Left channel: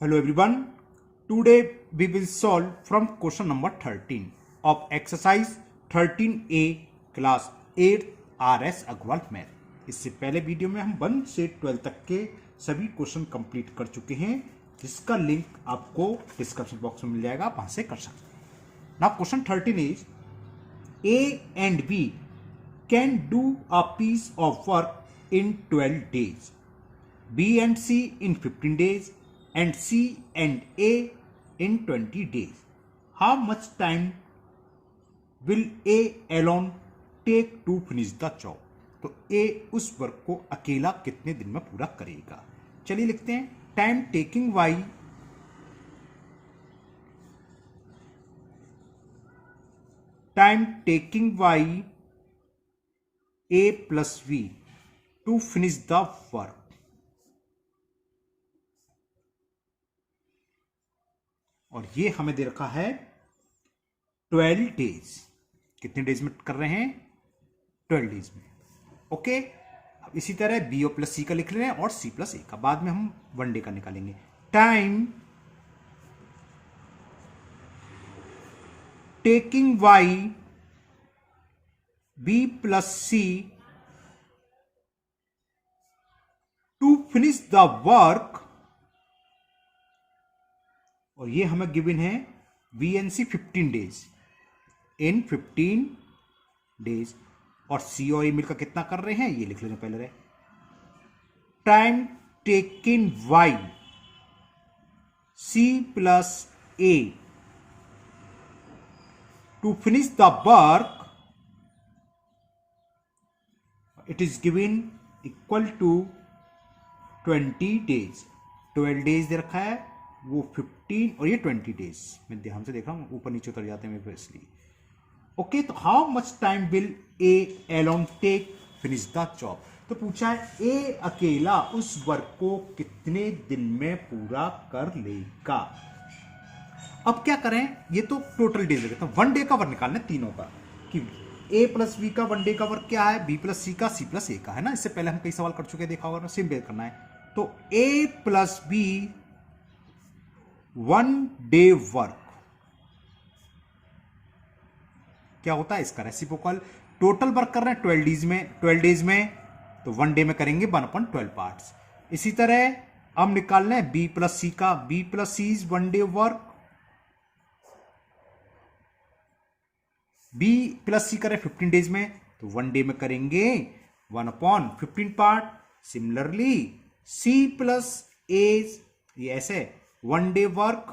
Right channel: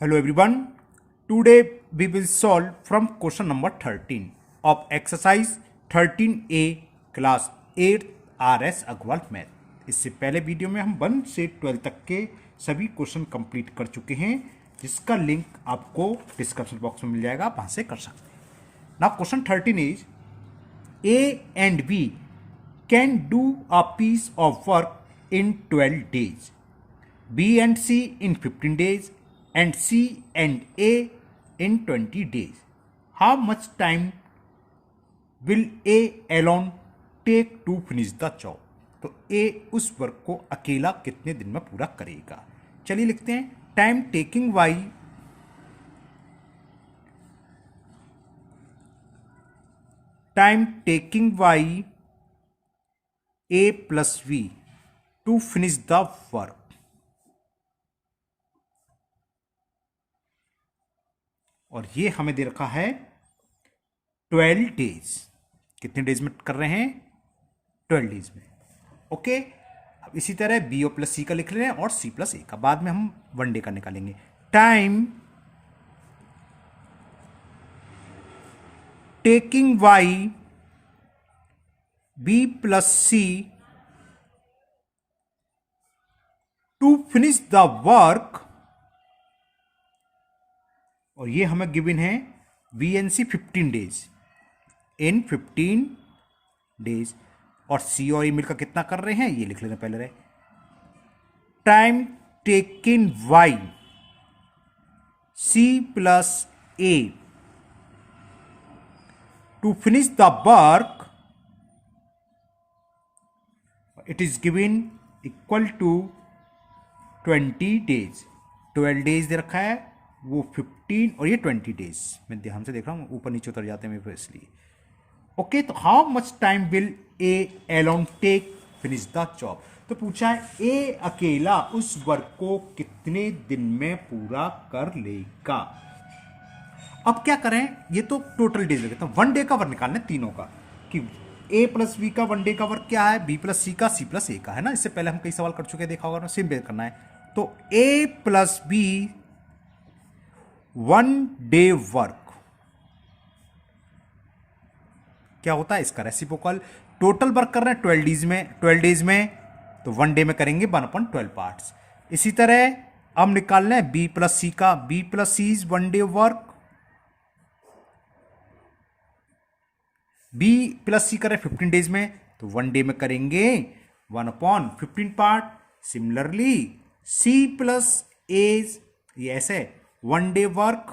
Hello everyone. Today we will solve from question number 13 of exercise 13A class 8 RS Agarwal math. इससे पहले video में हम 1 से 12 तक के सभी क्वेश्चन कंप्लीट कर चुके हैं, जिसका लिंक आपको डिस्क्रिप्शन बॉक्स में मिल जाएगा, आप वहां से कर सकते हैं। Now question 13 is A and B can do a piece of work in 12 days, B and C in 15 days and C and A in 20 days. How much time will A alone take to finish the job? तो A उस work को अकेला कितने दिन में पूरा करेगा? चलिए लिखते हैं time taking y A plus V to finish the work. और ये हमें दे रखा है 12 डेज। कितने डेज में कर रहे हैं? 12 डेज में। ओके, अब इसी तरह बी और प्लस सी का लिख रहे हैं और सी प्लस ए का, बाद में हम 1 डे का निकालेंगे। Time taking by B plus C to finish the work, और ये हमें गिवन है VNC 15 डेज, इन 15 डेज, और सी और ए मिलकर कितना कर रहे हैं ये लिख लेना पहले रहे। Time taking by C plus A to finish the work, it is given equal to 20 days. 12 days दे रखा है, वो 15 और ये 20 डेज। मैं ध्यान से देख रहा हूँ, ऊपर नीचे उतर जाते हैं मेरे, इसलिए। ओके, तो how much time will A alone take finish the job? तो पूछा है ए अकेला उस वर्क को कितने दिन में पूरा कर लेगा। अब क्या करें, ये तो टोटल डेज लगता है, 1 डे का वर्क निकालना है तीनों का, कि ए प्लस बी का 1 डे का वर्क क्या है, बी प्लस सी का, सी प्लस ए का, है ना। इससे पहले हम कई सवाल कर चुके हैं, देखा होगा, सेम बेस करना है। तो A plus B 1 day work क्या होता है, इसका रेसिप्रोकल। टोटल वर्क कर रहे हैं 12 डेज में, तो 1 डे में करेंगे 1/12 पार्ट्स। इसी तरह अब निकालना है बी प्लस सी का, B plus C is 1 day work, B plus C कर रहे 15 डेज में, तो 1 डे में करेंगे 1/15 part. Similarly C plus A, ये ऐसे 1 डे वर्क,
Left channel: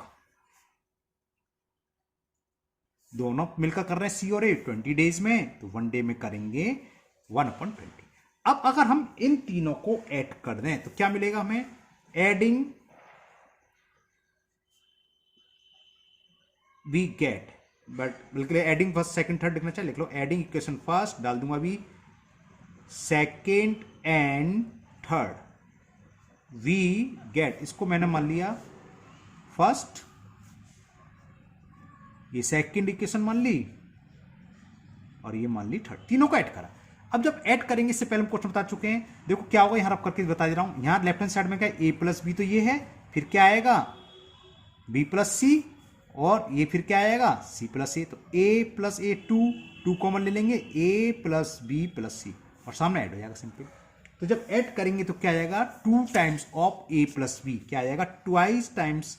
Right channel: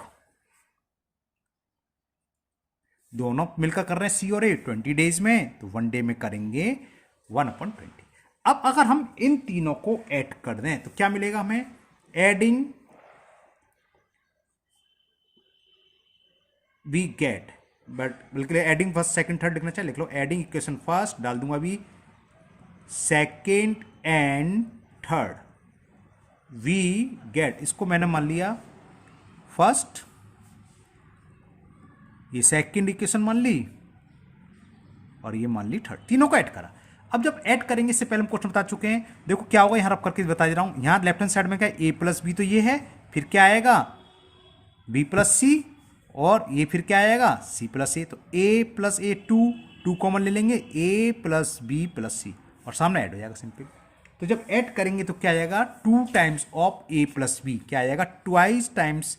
दोनों मिलकर कर रहे हैं सी और ए 20 डेज में, तो 1 डे में करेंगे 1/20। अब अगर हम इन तीनों को ऐड कर दें तो क्या मिलेगा हमें? एडिंग वी गेट, बट बिल्कुल एडिंग फर्स्ट सेकंड थर्ड लिखना चाहिए, लिख लो एडिंग इक्वेशन फर्स्ट, डाल दूंगा अभी second and third, we get, इसको मैंने मान लिया फर्स्ट, ये सेकंड इक्वेशन मान ली, और ये मान ली थर्ड, तीनों को ऐड करा। अब जब ऐड करेंगे, इससे पहले हम क्वेश्चन बता चुके हैं, देखो क्या होगा, यहां रख करके बता दे रहा हूं। यहां लेफ्ट हैंड साइड में क्या है, ए प्लस बी, तो ये है, फिर क्या आएगा बी प्लस सी, और ये फिर क्या आएगा सी प्लस ए, तो ए प्लस ए 2 कॉमन ले लेंगे, ए प्लस बी प्लस सी, और सामने ऐड हो जाएगा सिंपल। तो जब ऐड करेंगे तो क्या आएगा, 2 times of A plus B, क्या आएगा twice times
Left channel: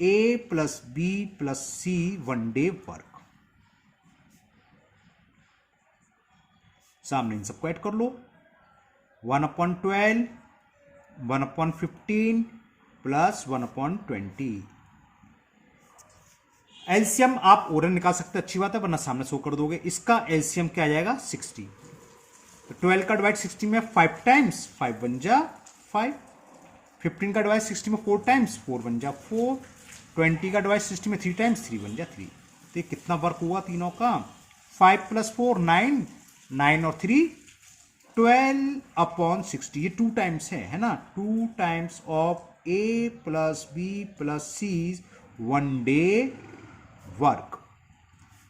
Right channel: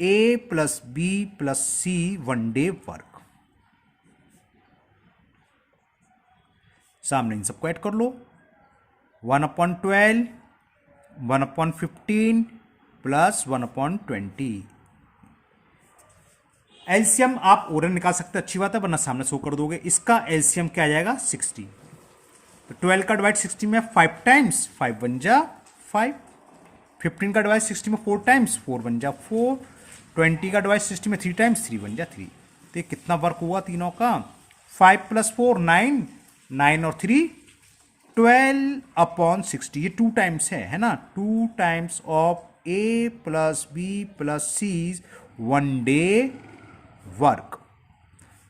A plus B plus C 1 day work. सामने इन सबको ऐड कर लो, 1/12, 1/15 प्लस 1/20। एलसीएम आप ओरन निकाल सकते हैं, अच्छी बात है, वरना सामने शो कर दोगे। इसका एलसीएम क्या आ जाएगा 60, तो 12 का डिवाइड 60 में 5 टाइम्स, 5 1 जा 5, 15 का डिवाइड 60 में 4 टाइम्स, 4 1 जा 4, 20 का डिवाइड 60 में 3 टाइम्स, 3 1 जा 3। तो ये कितना वर्क हुआ तीनों का, 5 + 4 9, 9 और 3 12/60, ये 2 टाइम्स है ना, 2 times of A plus B plus C 1 day work.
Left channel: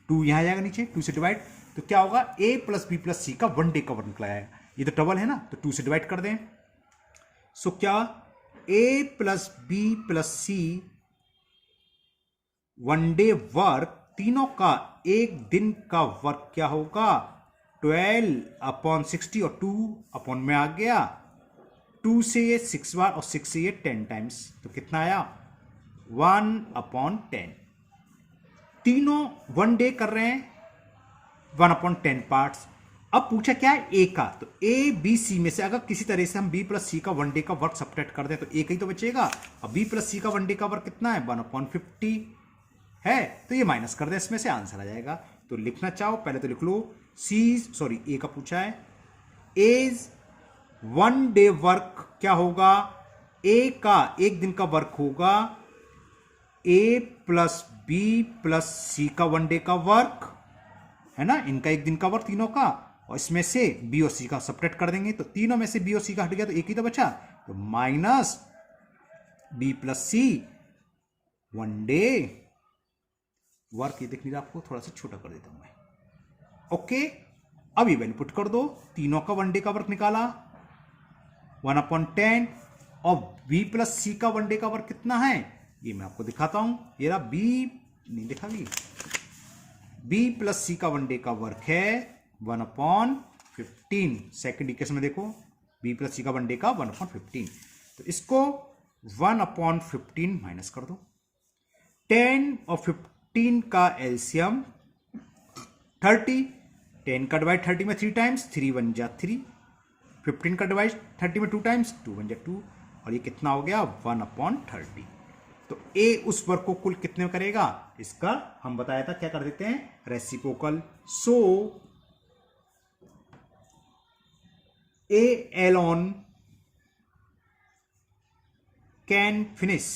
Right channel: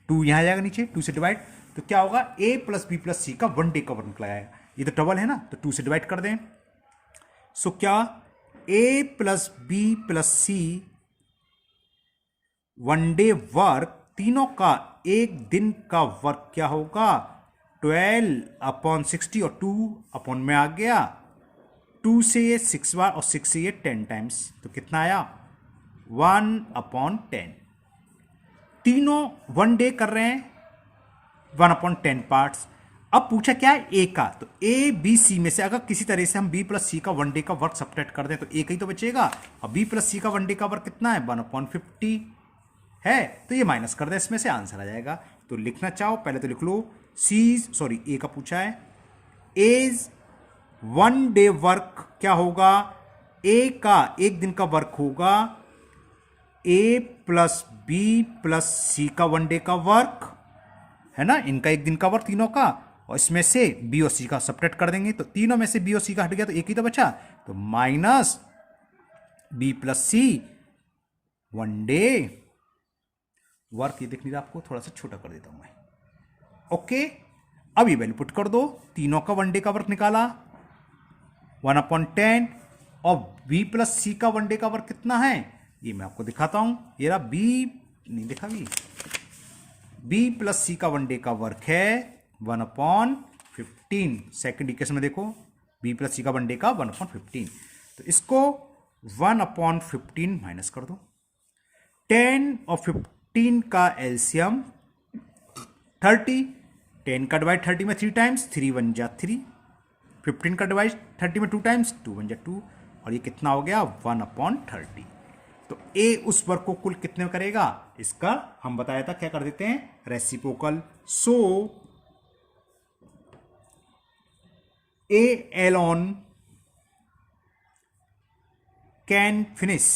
2 यहां जाएगा नीचे, 2 से डिवाइड, तो क्या होगा ए प्लस बी प्लस सी का 1 डे का वर्क निकल आएगा। ये तो डबल है ना, तो 2 से डिवाइड कर दें। सो क्या ए प्लस बी प्लस सी वनडे वर्क, तीनों का एक दिन का वर्क क्या होगा? 12/60 और 2 अपॉन में आ गया, 2 से ये 6 बार और 6 से ये 10 टाइम्स, तो कितना आया? 1/10। तीनों वन डे कर रहे हैं, 1/10 पार्ट्स। अब पूछा क्या है? ए का, तो ए बी सी में से अगर किसी तरह से हम बी प्लस सी का वन डे का वर्क सब्ट्रैक्ट कर दें तो ए का ही तो बचेगा, और बी प्लस सी का वन डे का वर्क कितना है? 1/50 है, तो ये माइनस कर दे, इसमें से आंसर आ जाएगा। तो लिखना चाहो पहले तो लिख लो, ए का पूछा है, एज वन डे वर्क क्या होगा? ए का एक दिन का वर्क होगा ए प्लस बी प्लस सी का वन डे का वर्क है ना, इनका एक दिन का वर्क तीनों का, और इसमें से बी और सी का सब्ट्रैक्ट कर देंगे, तो तीनों में से बी और सी का हट गया तो एक ही तो बचा, तो माइनस बी प्लस सी वन डे वर्क। ये देख लीजिए, आपको थोड़ा सा छोटा कर देता हूं मैं। ओके, अब ये वैल्यू पुट कर दो, तीनों का वन डे का वर्क निकाला 1/10, और बी प्लस सी का वन डे का वर्क कितना है ये मैं आपको दिखाता हूं। ये रहा बी, नहीं लिखा बी प्लस सी का वन डे का वर्क है 1/15। सेकेंड इक्वेशन में देखो, बी प्लस सी का वन डे का 1/15, तो इसको 1/15 माइनस कर दो। 10 और 15 का एलसीएम 30, 10 का डिवाइड 30 में 3 टाइम्स, 3 1 जा 3, 15 का डिवाइड 30 में 2 टाइम्स, 2 1 जा 2, और ये कितना हो गया? 1/30। तो ए उस वर्क को कुल कितने में करेगा? इसका हम बताया था क्या कर देते हैं, reciprocal. So A alone can finish,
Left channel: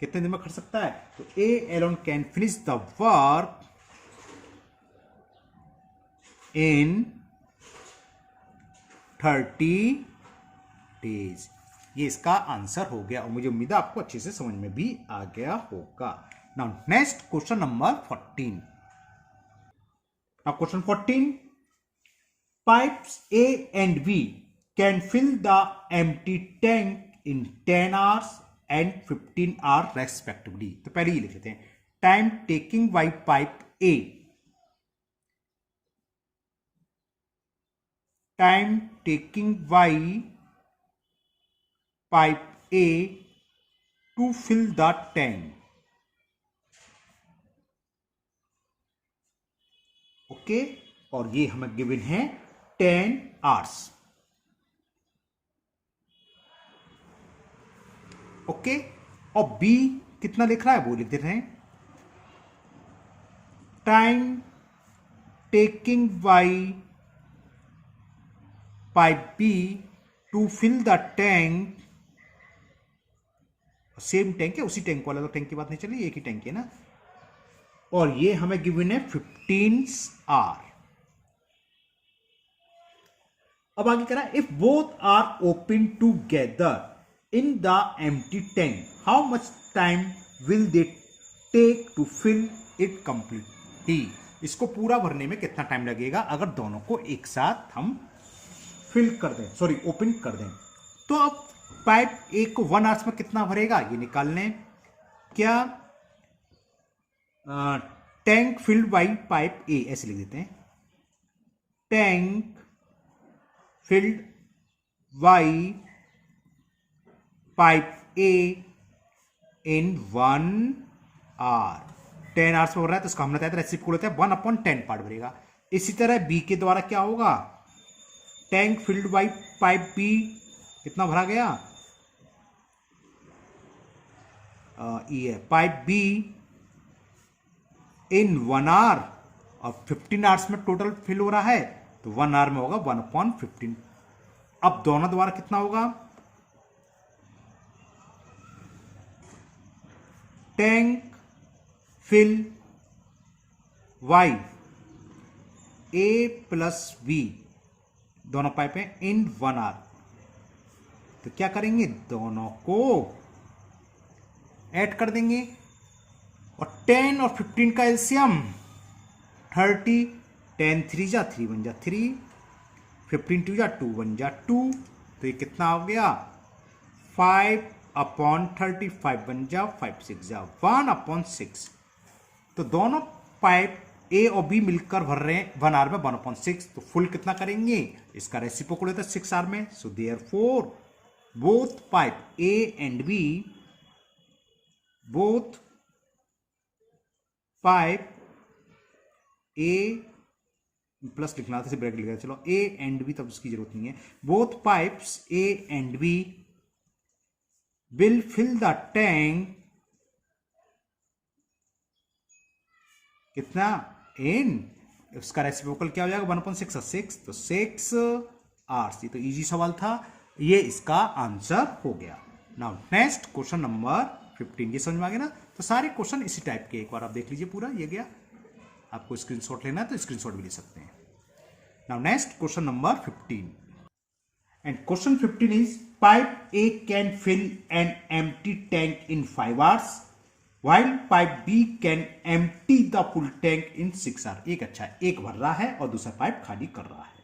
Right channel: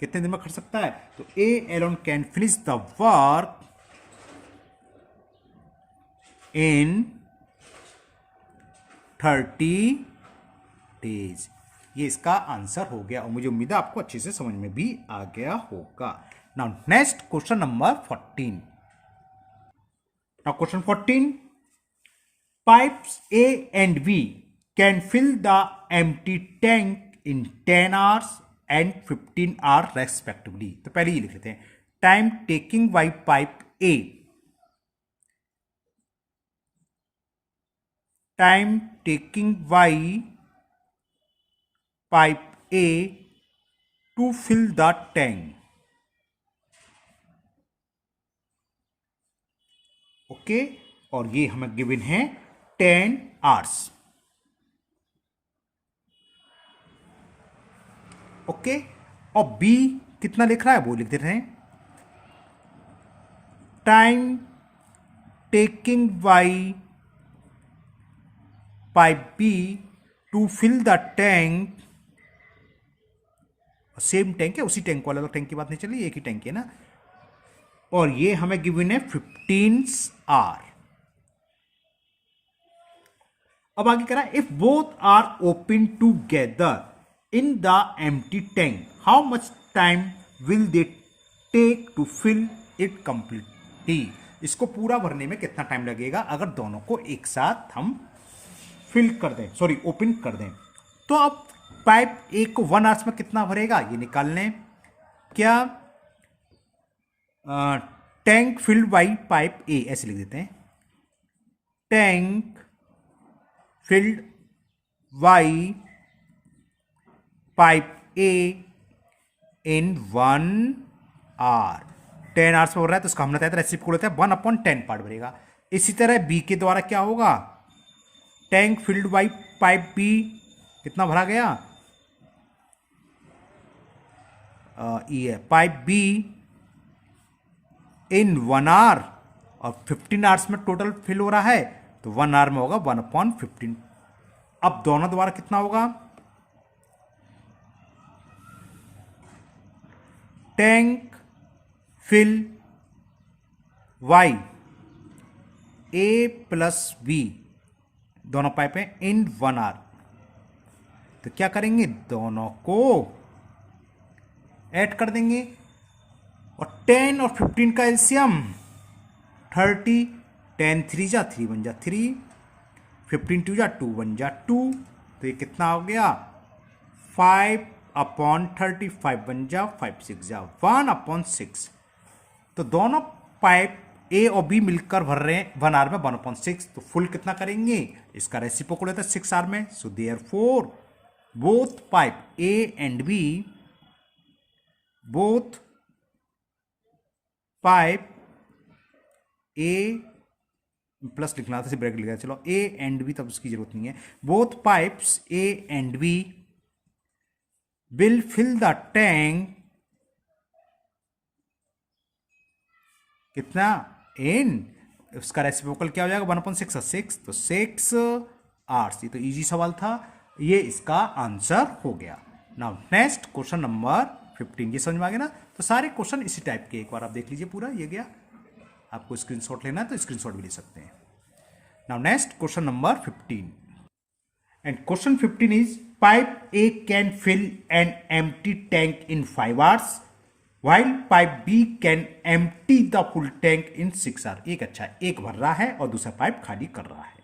कितने दिन में कर सकता है? तो A alone can finish the work in 30 days. ये इसका आंसर हो गया, और मुझे उम्मीद है आपको अच्छे से समझ में भी आ गया होगा। Now next question number 14। Now question 14, pipes A and B can fill the empty tank in 10 hours and 15 hours respectively. तो पहले ये लिख लेते हैं, time taking by pipe A, time taking by pipe A to fill the tank. Okay, और ये हमें given है 10 hours। ओके, और बी कितना लिख रहा है वो लिख देते हैं, time taking by pipe B to fill the tank, same tank है, उसी टैंक वाला, टैंक की बात नहीं चली, एक ही टैंक है ना, और ये हमें गिवन है 15 hours। अब आगे करा, if both are open together in the empty tank how much time will they take to fill it completely. इसको पूरा भरने में कितना टाइम लगेगा अगर दोनों को एक साथ हम फिल कर दें, सॉरी ओपन कर दें। तो अब पाइप ए को 1 hours में कितना भरेगा ये निकाल लें। क्या टैंक फिल्ड बाई पाइप ए, ऐसे लिख देते हैं, tank filled by pipe A in 1 hour। 10 hours में भर रहा है तो उसका हमने बताया था रेसिप्रोकल होता है 1/10 पार्ट भरेगा। इसी तरह बी के द्वारा क्या होगा, tank filled by pipe B कितना भरा गया, ये पाइप बी इन 1 hour, और 15 hours में टोटल फिल हो रहा है तो 1 hour में होगा 1/15। अब दोनों द्वारा कितना होगा, टैंक फिल वाई ए प्लस बी, दोनों पाइप हैं इन 1 hour, तो क्या करेंगे दोनों को ऐड कर देंगे, और 10 और 15 का एलसीएम 30, 10 3 जा 3 1 जा 3, 15 2 जा 2 1 जा 2, तो ये कितना हो गया 5/35 बन जा 5 6 जा 1/6। तो दोनों पाइप ए और बी मिलकर भर रहे हैं 1 आर में 1/6। तो फुल कितना करेंगे, इसका रेसिप्रोकल होता है 6 आर में। So therefore both pipe A and B, both pipe A plus लिखना था, ब्रैकेट लिखा, चलो ए एंड बी, तब उसकी जरूरत नहीं है। Both pipes A and B will fill the tank कितना इन, उसका रेसिप्रोकल क्या हो जाएगा 1/6 6, तो 6 आवर्स। ये तो इजी सवाल था, ये इसका आंसर हो गया। Now next question number 15। ये समझ में आ गया ना। तो सारे क्वेश्चन इसी टाइप के, एक बार आप देख लीजिए पूरा, ये गया। आपको स्क्रीनशॉट लेना है तो स्क्रीनशॉट भी ले सकते हैं। Now next question number 15, and question 15 is pipe A can fill an empty tank in 5 hours while pipe B can empty the full tank in 6 hour. एक अच्छा है, एक भर रहा है और दूसरा पाइप खाली कर रहा है।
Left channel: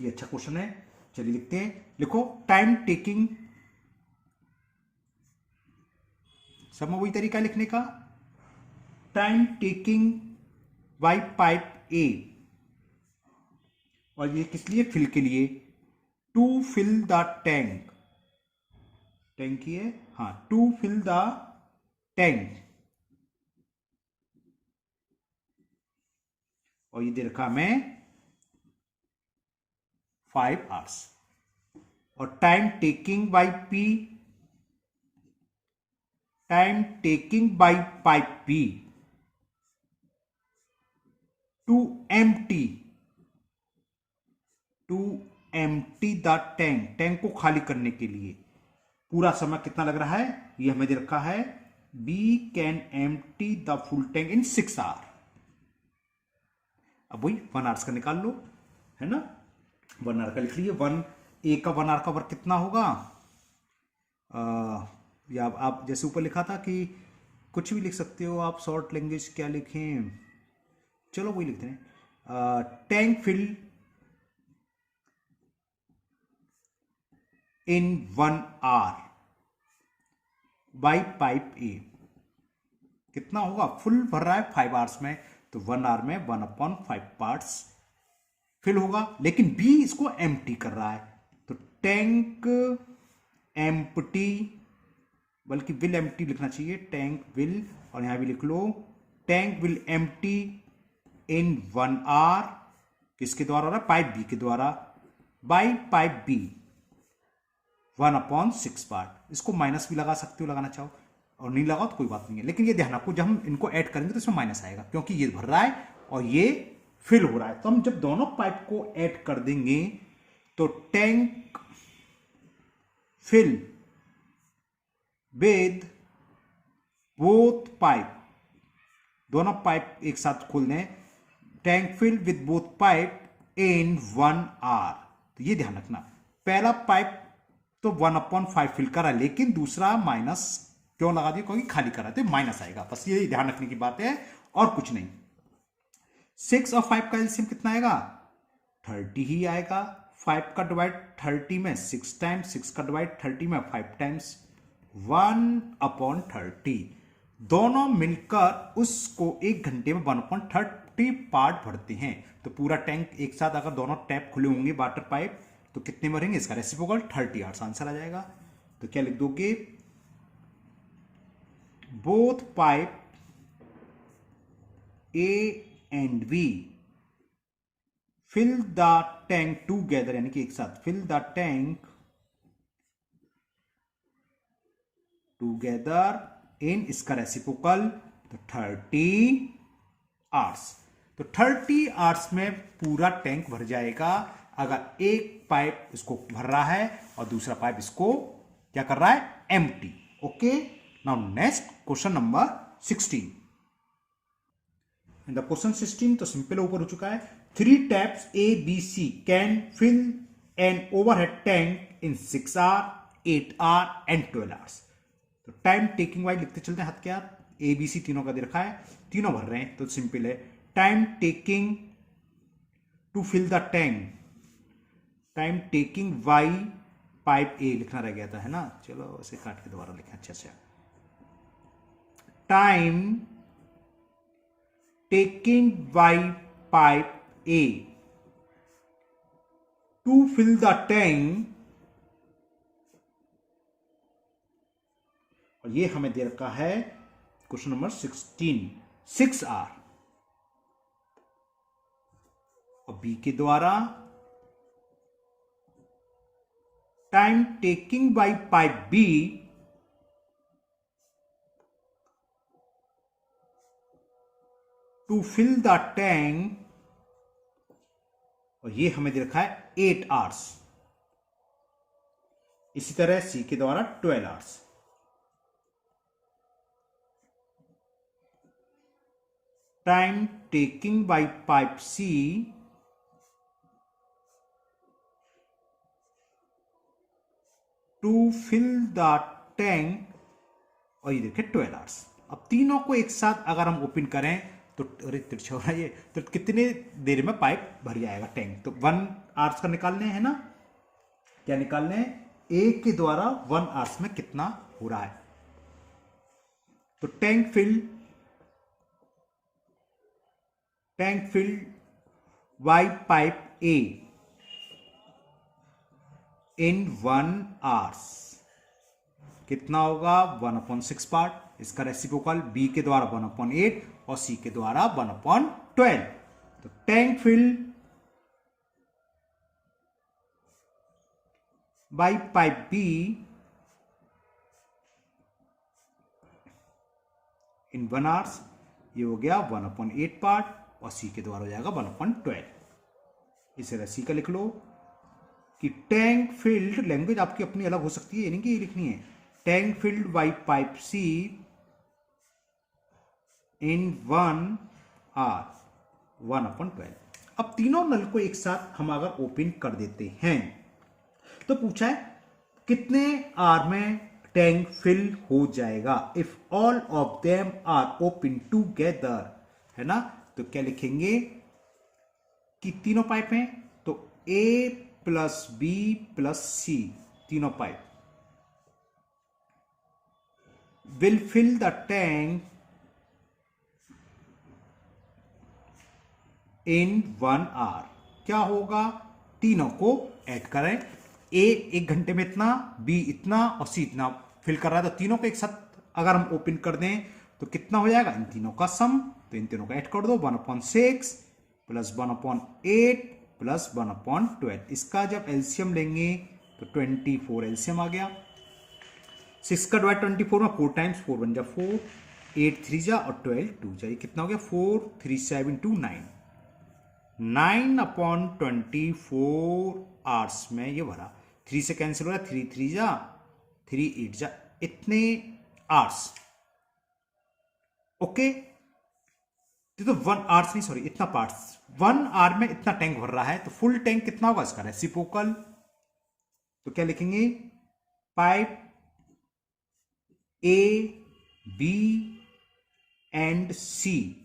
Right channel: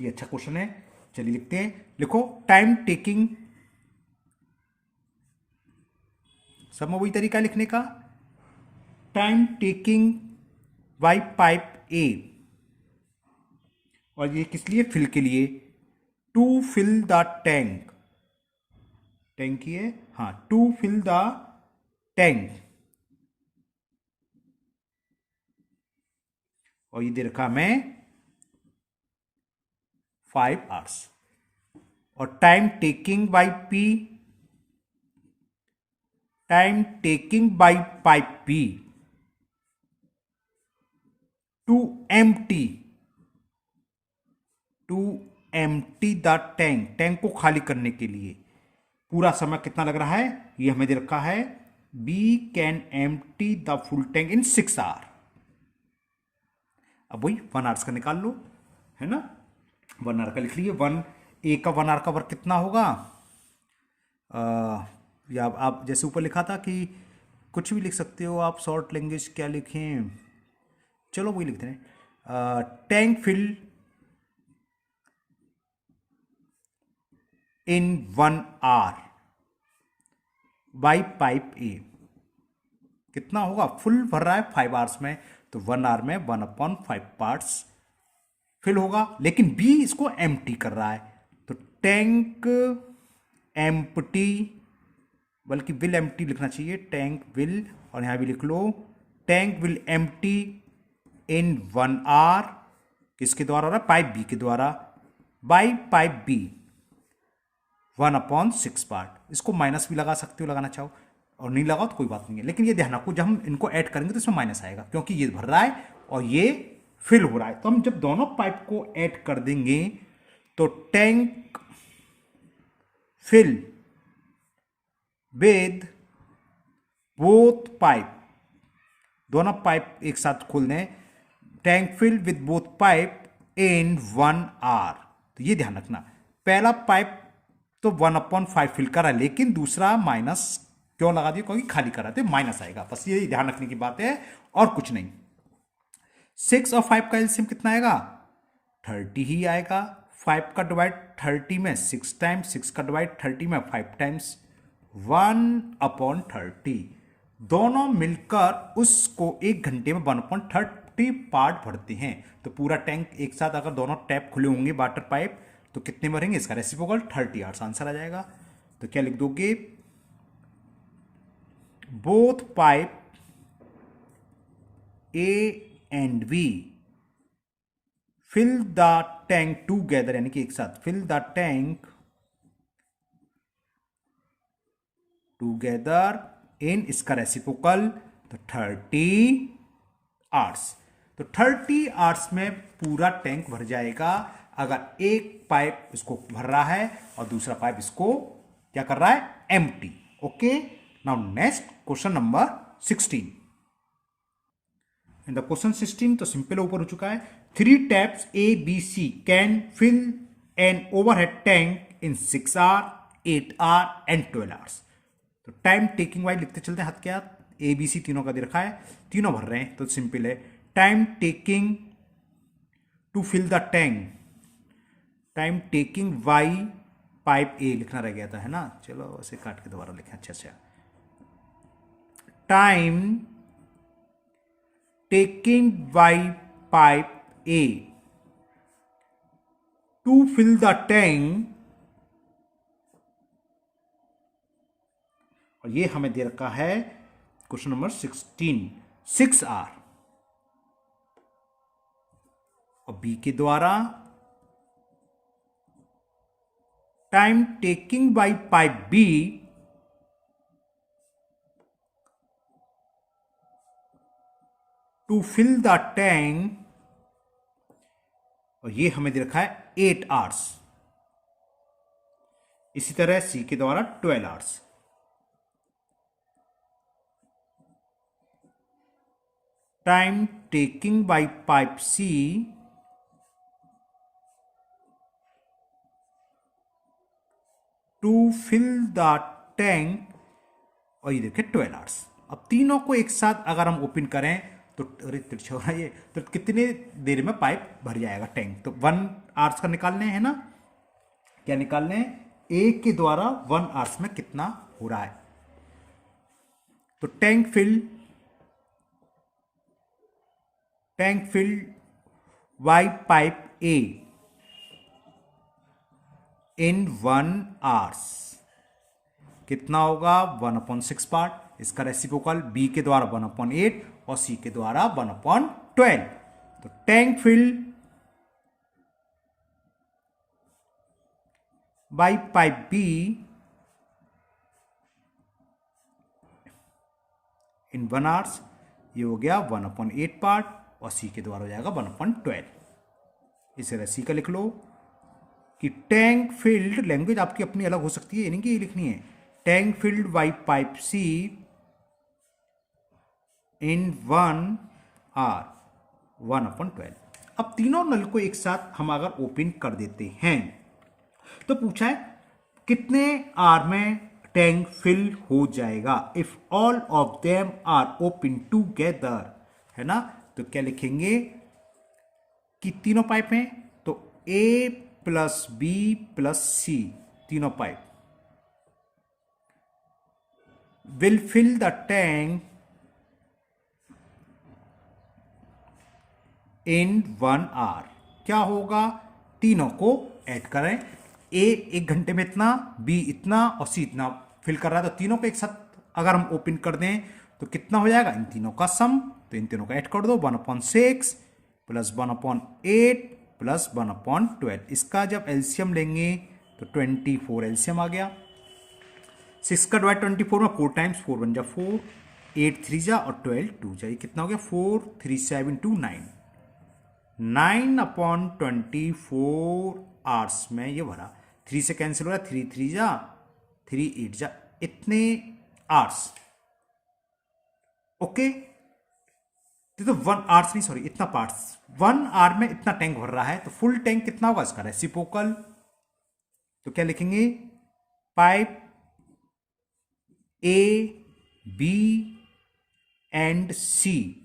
ये अच्छा क्वेश्चन है, चलिए लिखते हैं। लिखो टाइम टेकिंग, सब में वही तरीका लिखने का। Time taking by pipe A, और ये किस लिए, फिल के लिए, to fill the tank, tank ही है हाँ, टू फिल द टैंक, और ये दे रखा मैं 5 आवर्स। और time taking by P, time taking by pipe P to empty the tank, tank को खाली करने के लिए पूरा समय कितना लग रहा है, ये हमें दे रखा है B can empty the full tank in 6 hour. अब वही 1 आवर्स का निकाल लो, है ना। 1 आवर का लिख लीजिए। 1 का 1 आवर का वर्क कितना होगा, या आप जैसे ऊपर लिखा था कि कुछ भी लिख सकते हो आप, शॉर्ट लैंग्वेज क्या लिखें, चलो वही लिखते हैं। Tank fill in 1 hour by pipe A, कितना होगा, फुल भर रहा है 5 आवर्स में, तो 1 आवर में 1/5 पार्ट्स फिल होगा। लेकिन बी इसको एम्प्टी कर रहा है, तो टैंक एम्प्टी, बल्कि विल एम्प्टी लिखना चाहिए, टैंक विल, और यहां भी लिख लो tank will empty in 1 hour, किसके द्वारा हो रहा है, पाइप बी के द्वारा, बाई पाइप बी 1/6 पार्ट। इसको माइनस भी लगा सकते हो, लगाना चाहो, और नहीं लगाओ तो कोई बात नहीं है। लेकिन ये ध्यान रखो, जब हम इनको ऐड करेंगे तो इसमें माइनस आएगा, क्योंकि ये भर रहा है और ये फिल हो रहा है। तो हम जब दोनों पाइप को ऐड कर देंगे तो tank fill with both pipe, दोनों पाइप एक साथ खोल दें, tank fill with both pipe in 1 hour. तो ये ध्यान रखना, पहला पाइप तो 1/5 फिल करा, लेकिन दूसरा माइनस क्यों लगा दिया, क्योंकि खाली करा, तो माइनस आएगा। बस ये ध्यान रखने की बात है और कुछ नहीं। 6 और 5 का एलसीएम कितना आएगा, 30 ही आएगा। 5 का डिवाइड 30 में 6 टाइम्स, 6 का डिवाइड 30 में 5 टाइम्स, 1/30। दोनों मिलकर उसको 1 घंटे में 1/30 पार्ट भरते हैं। तो पूरा टैंक एक साथ अगर दोनों टैप खुले होंगे वाटर पाइप, तो कितने भरेंगे, इसका रेसिप्रोकल 30 आवर्स, आंसर आ जाएगा। तो क्या लिख दोगे, both pipe A and B fill the tank together, यानी कि एक साथ, fill the tank together in, इसका रेसिप्रोकल तो 30 आवर्स। तो 30 आवर्स में पूरा टैंक भर जाएगा, अगर एक पाइप इसको भर रहा है और दूसरा पाइप इसको क्या कर रहा है, empty. Okay, now next question number 16। In the question 16 तो सिंपल ऊपर हो चुका है। 3 taps A B C can fill an overhead tank in 6 hour, 8 hour and 12 hours. तो टाइम टेकिंग वाइज लिखते चलते हैं, हाथ के हाथ। ए बी सी तीनों का दे रखा है, तीनों भर रहे हैं, तो सिंपल है। Time taking to fill the tank, time taking by pipe A लिखना रह गया था, है ना। चलो उसे काट के दोबारा लिखें अच्छे से। Time taking by pipe A to fill the tank, और ये हमें दे रखा है क्वेश्चन नंबर 16, 6 आर। और बी के द्वारा time taking by pipe B to fill the tank, और ये हमें दे रखा है 8 आवर्स। इसी तरह सी के द्वारा 12 hours. Time taking by pipe C to fill the tank, और ये देखिए 12 आवर्स। अब तीनों को एक साथ अगर हम ओपन करें तो अरे तिरछा हो रहा है ये, तो कितने देर में पाइप भर जाएगा टैंक। तो 1 आवर्स का निकालने है ना, क्या निकालने हैं, ए के द्वारा 1 आवर्स में कितना हो रहा है। तो tank filled by pipe A in 1 hours कितना होगा, 1/6 पार्ट। इसका रेसिप्रोकल बी के द्वारा 1/8 और सी के द्वारा 1/12। तो tank filled by pipe be in 1 hours, ये हो गया 1/8 पार्ट, और सी के द्वारा हो जाएगा 1/12। इसे तरह सी का लिख लो कि टैंक फिल्ड, लैंग्वेज आपकी अपनी अलग हो सकती है, यानी कि ये लिखनी है tank filled by pipe C in 1 hour 1/12। अब तीनों नल को एक साथ हम अगर ओपन कर देते हैं तो पूछा है कितने आवर में टैंक फिल हो जाएगा। If all of them are open together, है ना। तो क्या लिखेंगे कि तीनों पाइप हैं, तो A plus B plus C, तीनों pipe will fill the tank in 1 hour. क्या होगा, तीनों को ऐड करें, ए 1 घंटे में इतना, बी इतना और सी इतना फिल कर रहा है। तो तीनों को एक साथ अगर हम ओपन कर दें तो कितना हो जाएगा, इन तीनों का सम। तो इन तीनों का ऐड कर दो, 1/6 प्लस 1/8 प्लस 1/12। इसका जब एलसीएम लेंगे तो 24 एलसीएम आ गया। 6 का डिवाइड 24 में 4 टाइम्स, 4 1 जा 4, 8 3 जा और 12 2 जा, ये कितना हो गया 4 3 7 2 9, 9/24 आवर्स में ये भरा। 3 से कैंसिल हो रहा है, 3 3 जा 3 8 जा, इतने आवर्स। ओके, तो 1 आवर्स नहीं, सॉरी इतना पार्ट्स, 1 आवर में इतना टैंक भर रहा है। तो फुल टैंक कितना होगा इसका रेसिप्रोकल, तो क्या लिखेंगे, pipe A B and C,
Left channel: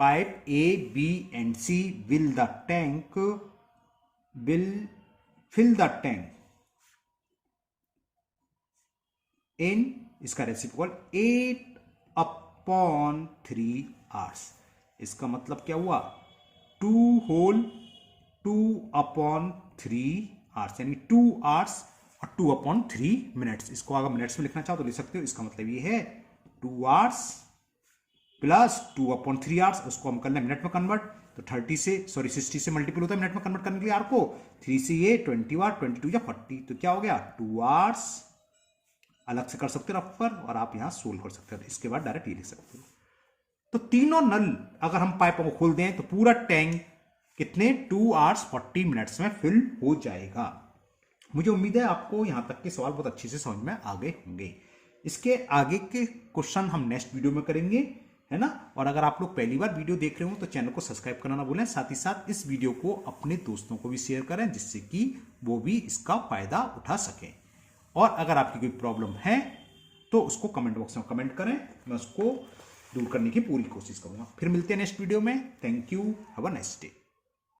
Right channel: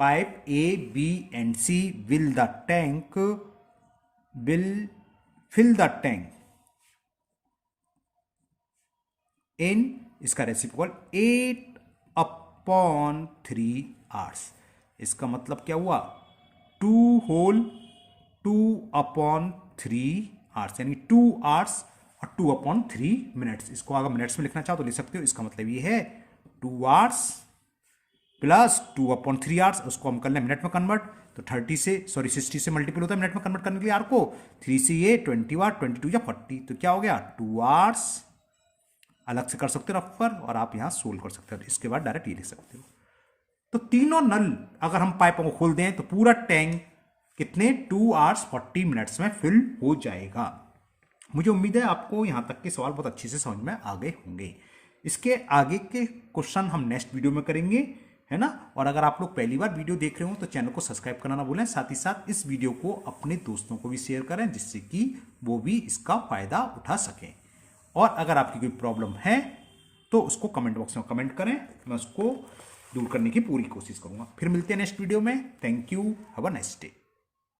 pipe A B and C will fill the tank in, इसका रेसिप्रोकल 8/3 आवर्स। इसका मतलब क्या हुआ, 2/3 आवर्स, यानी 2 आवर्स और 2/3 मिनट्स। इसको अगर मिनट्स में लिखना चाहो तो लिख सकते हो। इसका मतलब ये है 2 आवर्स प्लस 2/3 आवर्स, उसको हम कर लें मिनट में कन्वर्ट, तो 60 से मल्टीपल होता है मिनट में कन्वर्ट करने के लिए आर को। 3 से ये 20 आवर, 22 या 40, तो क्या हो गया 2 आवर्स। अलग से कर सकते हो रफ पर, और आप यहां सोल्व कर सकते हो। इसके बाद डायरेक्ट ये लिख सकते हो। तो तीनों नल अगर हम पाइपों को खोल दें तो पूरा टैंक कितने 2 आवर्स 40 मिनट्स में फिल हो जाएगा। मुझे उम्मीद है आपको यहां तक के सवाल बहुत अच्छे से समझ में आ गए होंगे। इसके आगे के क्वेश्चन हम नेक्स्ट वीडियो में करेंगे, है ना। और अगर आप लोग पहली बार वीडियो देख रहे हो तो चैनल को सब्सक्राइब करना ना भूलें। साथ ही साथ इस वीडियो को अपने दोस्तों को भी शेयर करें, जिससे कि वो भी इसका फायदा उठा सकें। और अगर आपकी कोई प्रॉब्लम है तो उसको कमेंट बॉक्स में कमेंट करें, मैं उसको दूर करने की पूरी कोशिश करूंगा। फिर मिलते हैं नेक्स्ट वीडियो में। Thank you, have a nice day.